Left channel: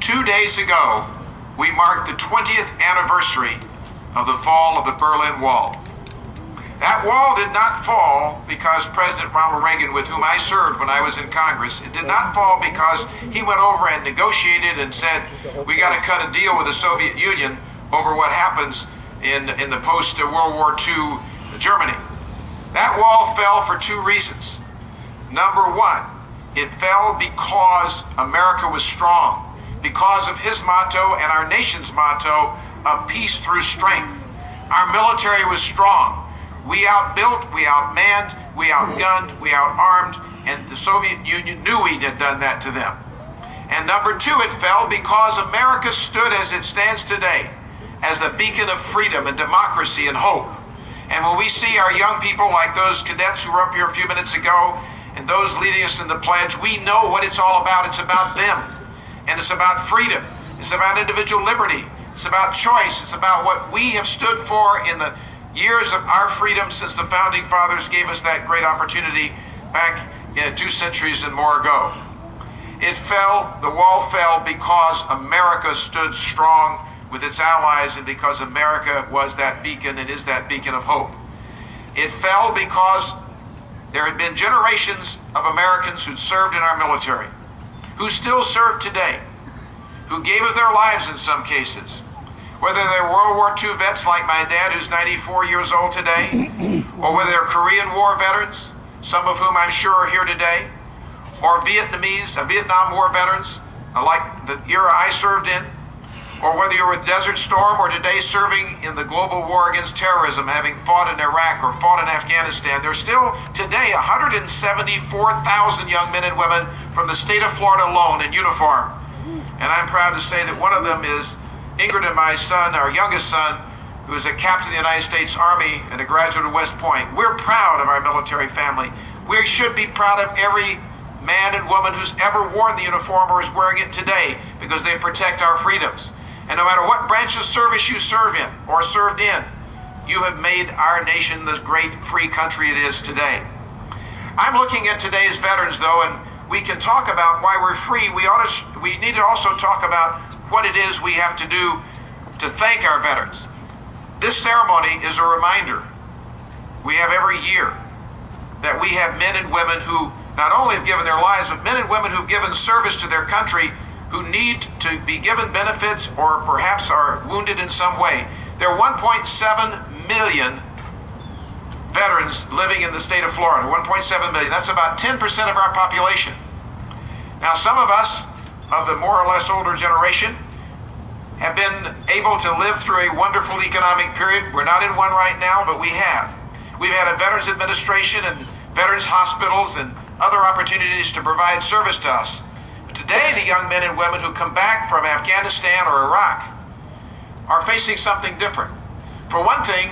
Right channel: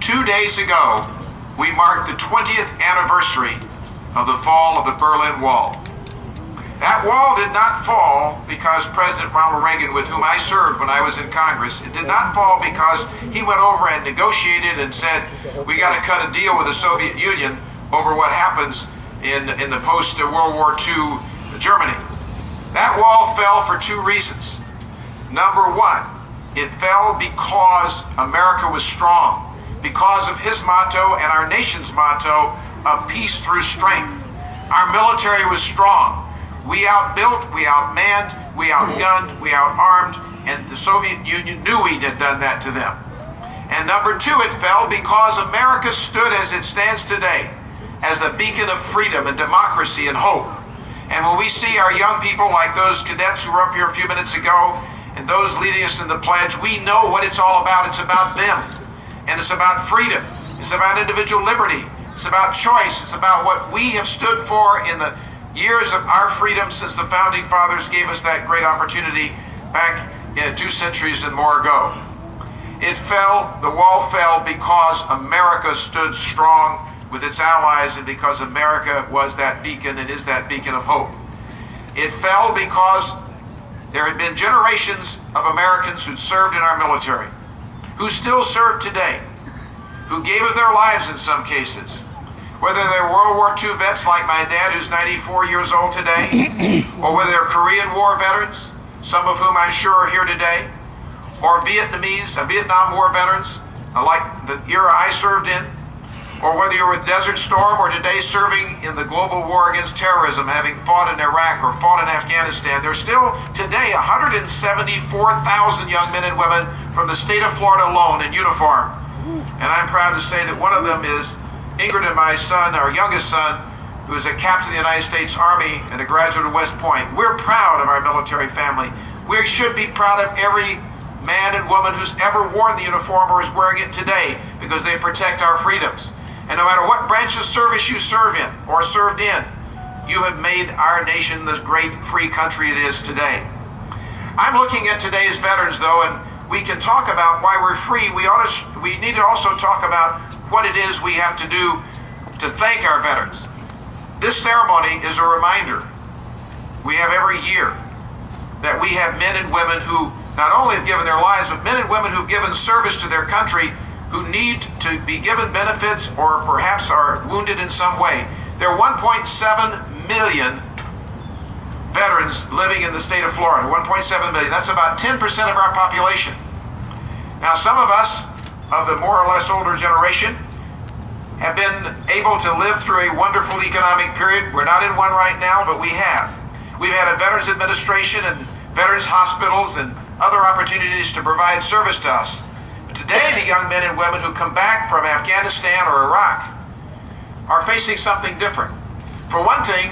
2 days ago, we marked the 20th anniversary of the fall of the Berlin Wall. That wall did not fall because President Ronald Reagan, with whom I served when I was in Congress, it did not fall because he went over and negotiated and said, we got to cut a deal with the Soviet Union over what happens in the post-World War II Germany. That wall fell for two reasons. Number one, it fell because America was strong, because of his motto and our nation's motto of peace through strength. Our military was strong. We outbuilt, we outmanned, we outgunned, we outarmed, and the Soviet Union knew we had done that to them. And number two, it fell because America stood as it stands today, as the beacon of freedom and democracy and hope. And when we see our young people like those cadets who were up here a few minutes ago, and those leading us in the pledge, we know what it's all about. It's about them. And it's about freedom. It's about individual liberty. It's about choice. It's about what we have stood for in the years of our freedom since the Founding Fathers gave us that great opportunity back 2 centuries and more ago. It fell, the wall fell because America stood strong with its allies and because America was that beacon and is that beacon of hope. It fell because there had been generations of Americans who'd served in our military, who still serve today, who gave of their lives in some cases, whether they're World War II vets like my dad, who's 94 years old today, or whether they're Korean War veterans, some of whom I'm sure are here today, or Vietnam War veterans, like the era I served in, or whether you're with Desert Storm or today serving in the global war against terrorism, having fought in Iraq or fought in Afghanistan, there's still today 174,000 young men and women from the state of Florida alone in uniform. And I'm proud to say that one of them is Ingrid and my son, our youngest son, who is a captain of the United States Army and a graduate of West Point. We're proud of our military family. We should be proud of every man and woman who's ever worn the uniform or is wearing it today because they protect our freedoms. And no matter what branch of service you serve in or served in, you have made our nation the great free country it is today. I'm looking at today's veterans, though, and we can talk about why we're free. We need to also talk about what it is we have to do to thank our veterans. This ceremony is a reminder we have every year that we have men and women who not only have given their lives, but men and women who've given service to their country who need to be given benefits or perhaps are wounded in some way. There are 1.7 million veterans living in the state of Florida, 1.7 million. That's about 10% of our population. Now, some of us of the more or less older generation have been able to live through a wonderful economic period. We're not in one right now, but we have. We've had a Veterans Administration and Veterans Hospitals and other opportunities to provide service to us. But today, the young men and women who come back from Afghanistan or Iraq are facing something different. For one thing,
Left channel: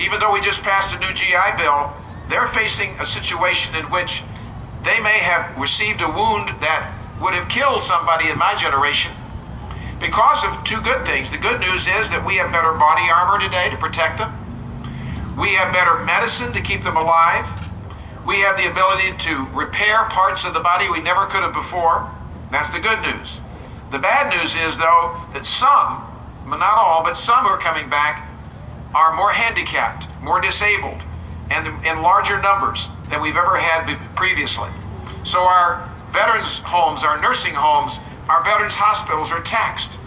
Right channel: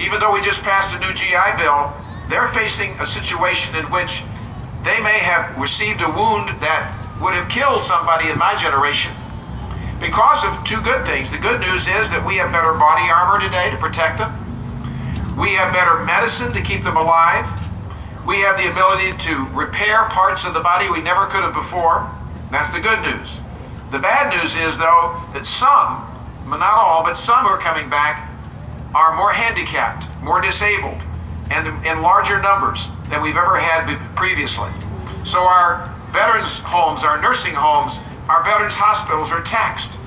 even though we just passed a new GI Bill, they're facing a situation in which they may have received a wound that would have killed somebody in my generation because of two good things. The good news is that we have better body armor today to protect them. We have better medicine to keep them alive. We have the ability to repair parts of the body we never could have before. That's the good news. The bad news is, though, that some, not all, but some who are coming back are more handicapped, more disabled, and in larger numbers than we've ever had previously. So our veterans homes, our nursing homes, our veterans hospitals are taxed.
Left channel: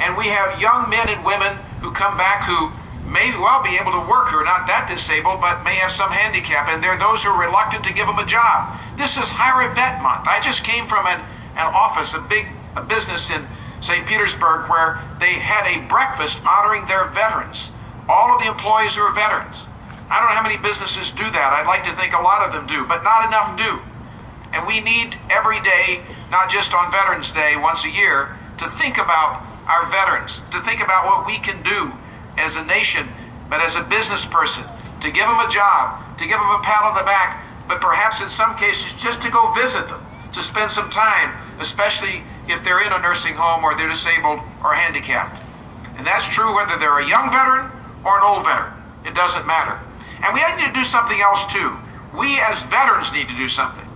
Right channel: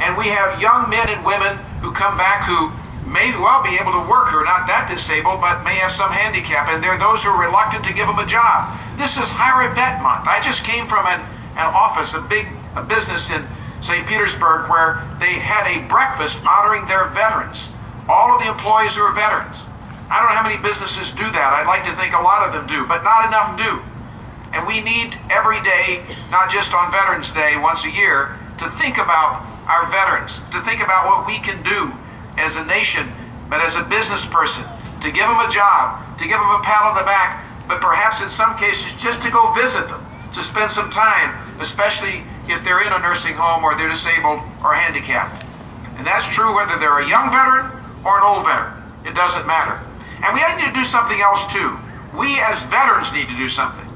And we have young men and women who come back who may well be able to work, who are not that disabled, but may have some handicap, and there are those who are reluctant to give them a job. This is Hire a Vet Month. I just came from an office, a business in St. Petersburg, where they had a breakfast honoring their veterans, all of the employees who are veterans. I don't know how many businesses do that. I'd like to think a lot of them do, but not enough do. And we need every day, not just on Veterans Day once a year, to think about our veterans, to think about what we can do as a nation, but as a business person, to give them a job, to give them a pat on the back, but perhaps in some cases just to go visit them, to spend some time, especially if they're in a nursing home or they're disabled or handicapped. And that's true whether they're a young veteran or an old veteran. It doesn't matter. And we need to do something else too. We as veterans need to do something.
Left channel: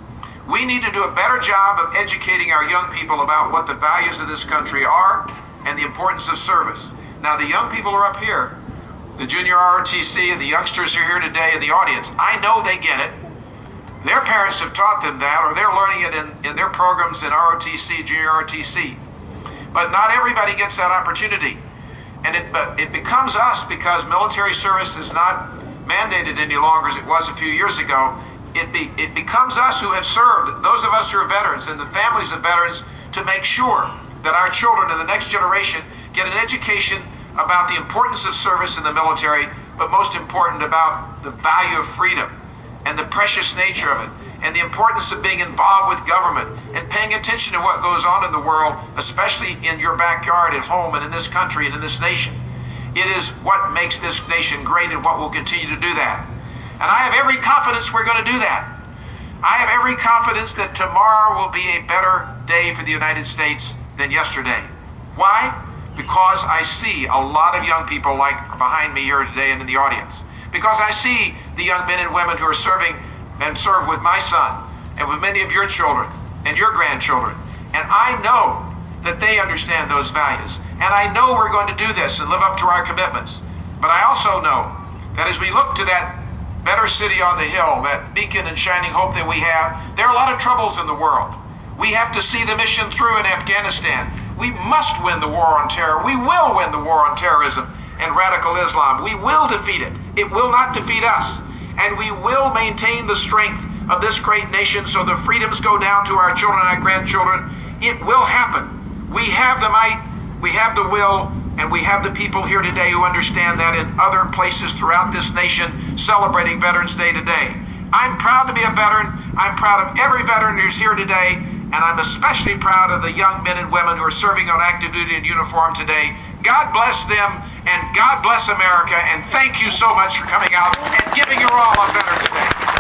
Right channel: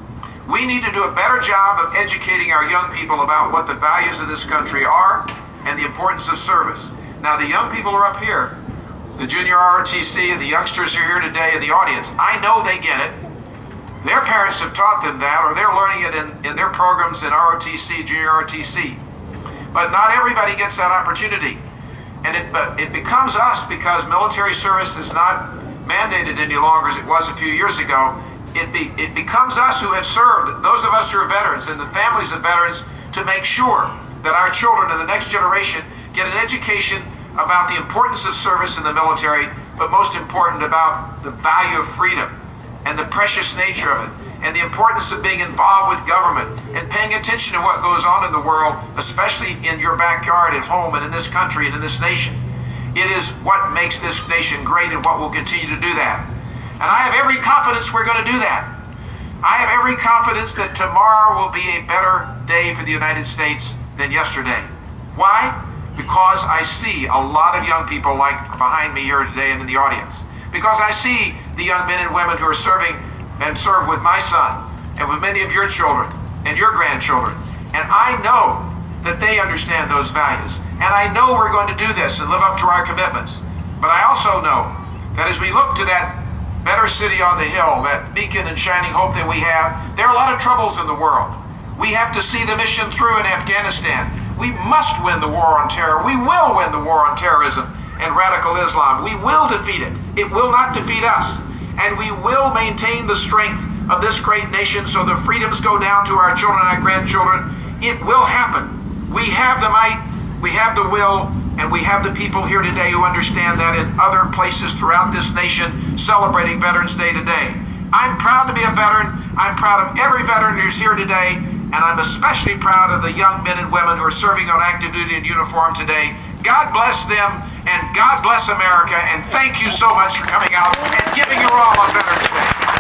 We need to do a better job of educating our young people about what the values of this country are and the importance of service. Now, the young people are up here, the junior ROTC and the youngsters who are here today in the audience. I know they get it. Their parents have taught them that, or they're learning it in their programs in ROTC, junior ROTC. But not everybody gets that opportunity. And it becomes us, because military service is not mandated any longer as it was a few years ago. It becomes us who have served, those of us who are veterans and the families of veterans, to make sure that our children and the next generation get an education about the importance of service in the military, but most important about the value of freedom and the precious nature of it, and the importance of being involved with government and paying attention to what goes on in the world, especially in your backyard, at home, and in this country and in this nation. It is what makes this nation great and what will continue to do that. And I have every confidence we're going to do that. I have every confidence that tomorrow will be a better day for the United States than yesterday. Why? Because I see a lot of young people like behind me here today and in the audience. Because I see the young men and women who are serving and serve with my son and with many of your children and your grandchildren. And I know that they understand those values. And I know we're going to do this and live up to our commitments. But I also know that as we look to that better city on the hill, that beacon and shining hope that we have, there are a lot of troubles in the world. We have to see the mission through in Afghanistan. We must win the war on terror. We will win the war on terrorism and radical Islam. We will defeat it. It will not defeat us. And we will maintain the strength of this great nation so the freedoms go down to our children and our grandchildren. It will happen. We have the might, we have the will, and we have the people here today who understand that in other places throughout this nation celebrating Veterans Day today. I'm proud to be a veteran. I'm proud of every veteran who's here today, and I'm especially proud of the young men and women who are serving on active duty in uniform today. God bless them, and God bless America, and thank you so much for coming out and giving your all on Veterans Day.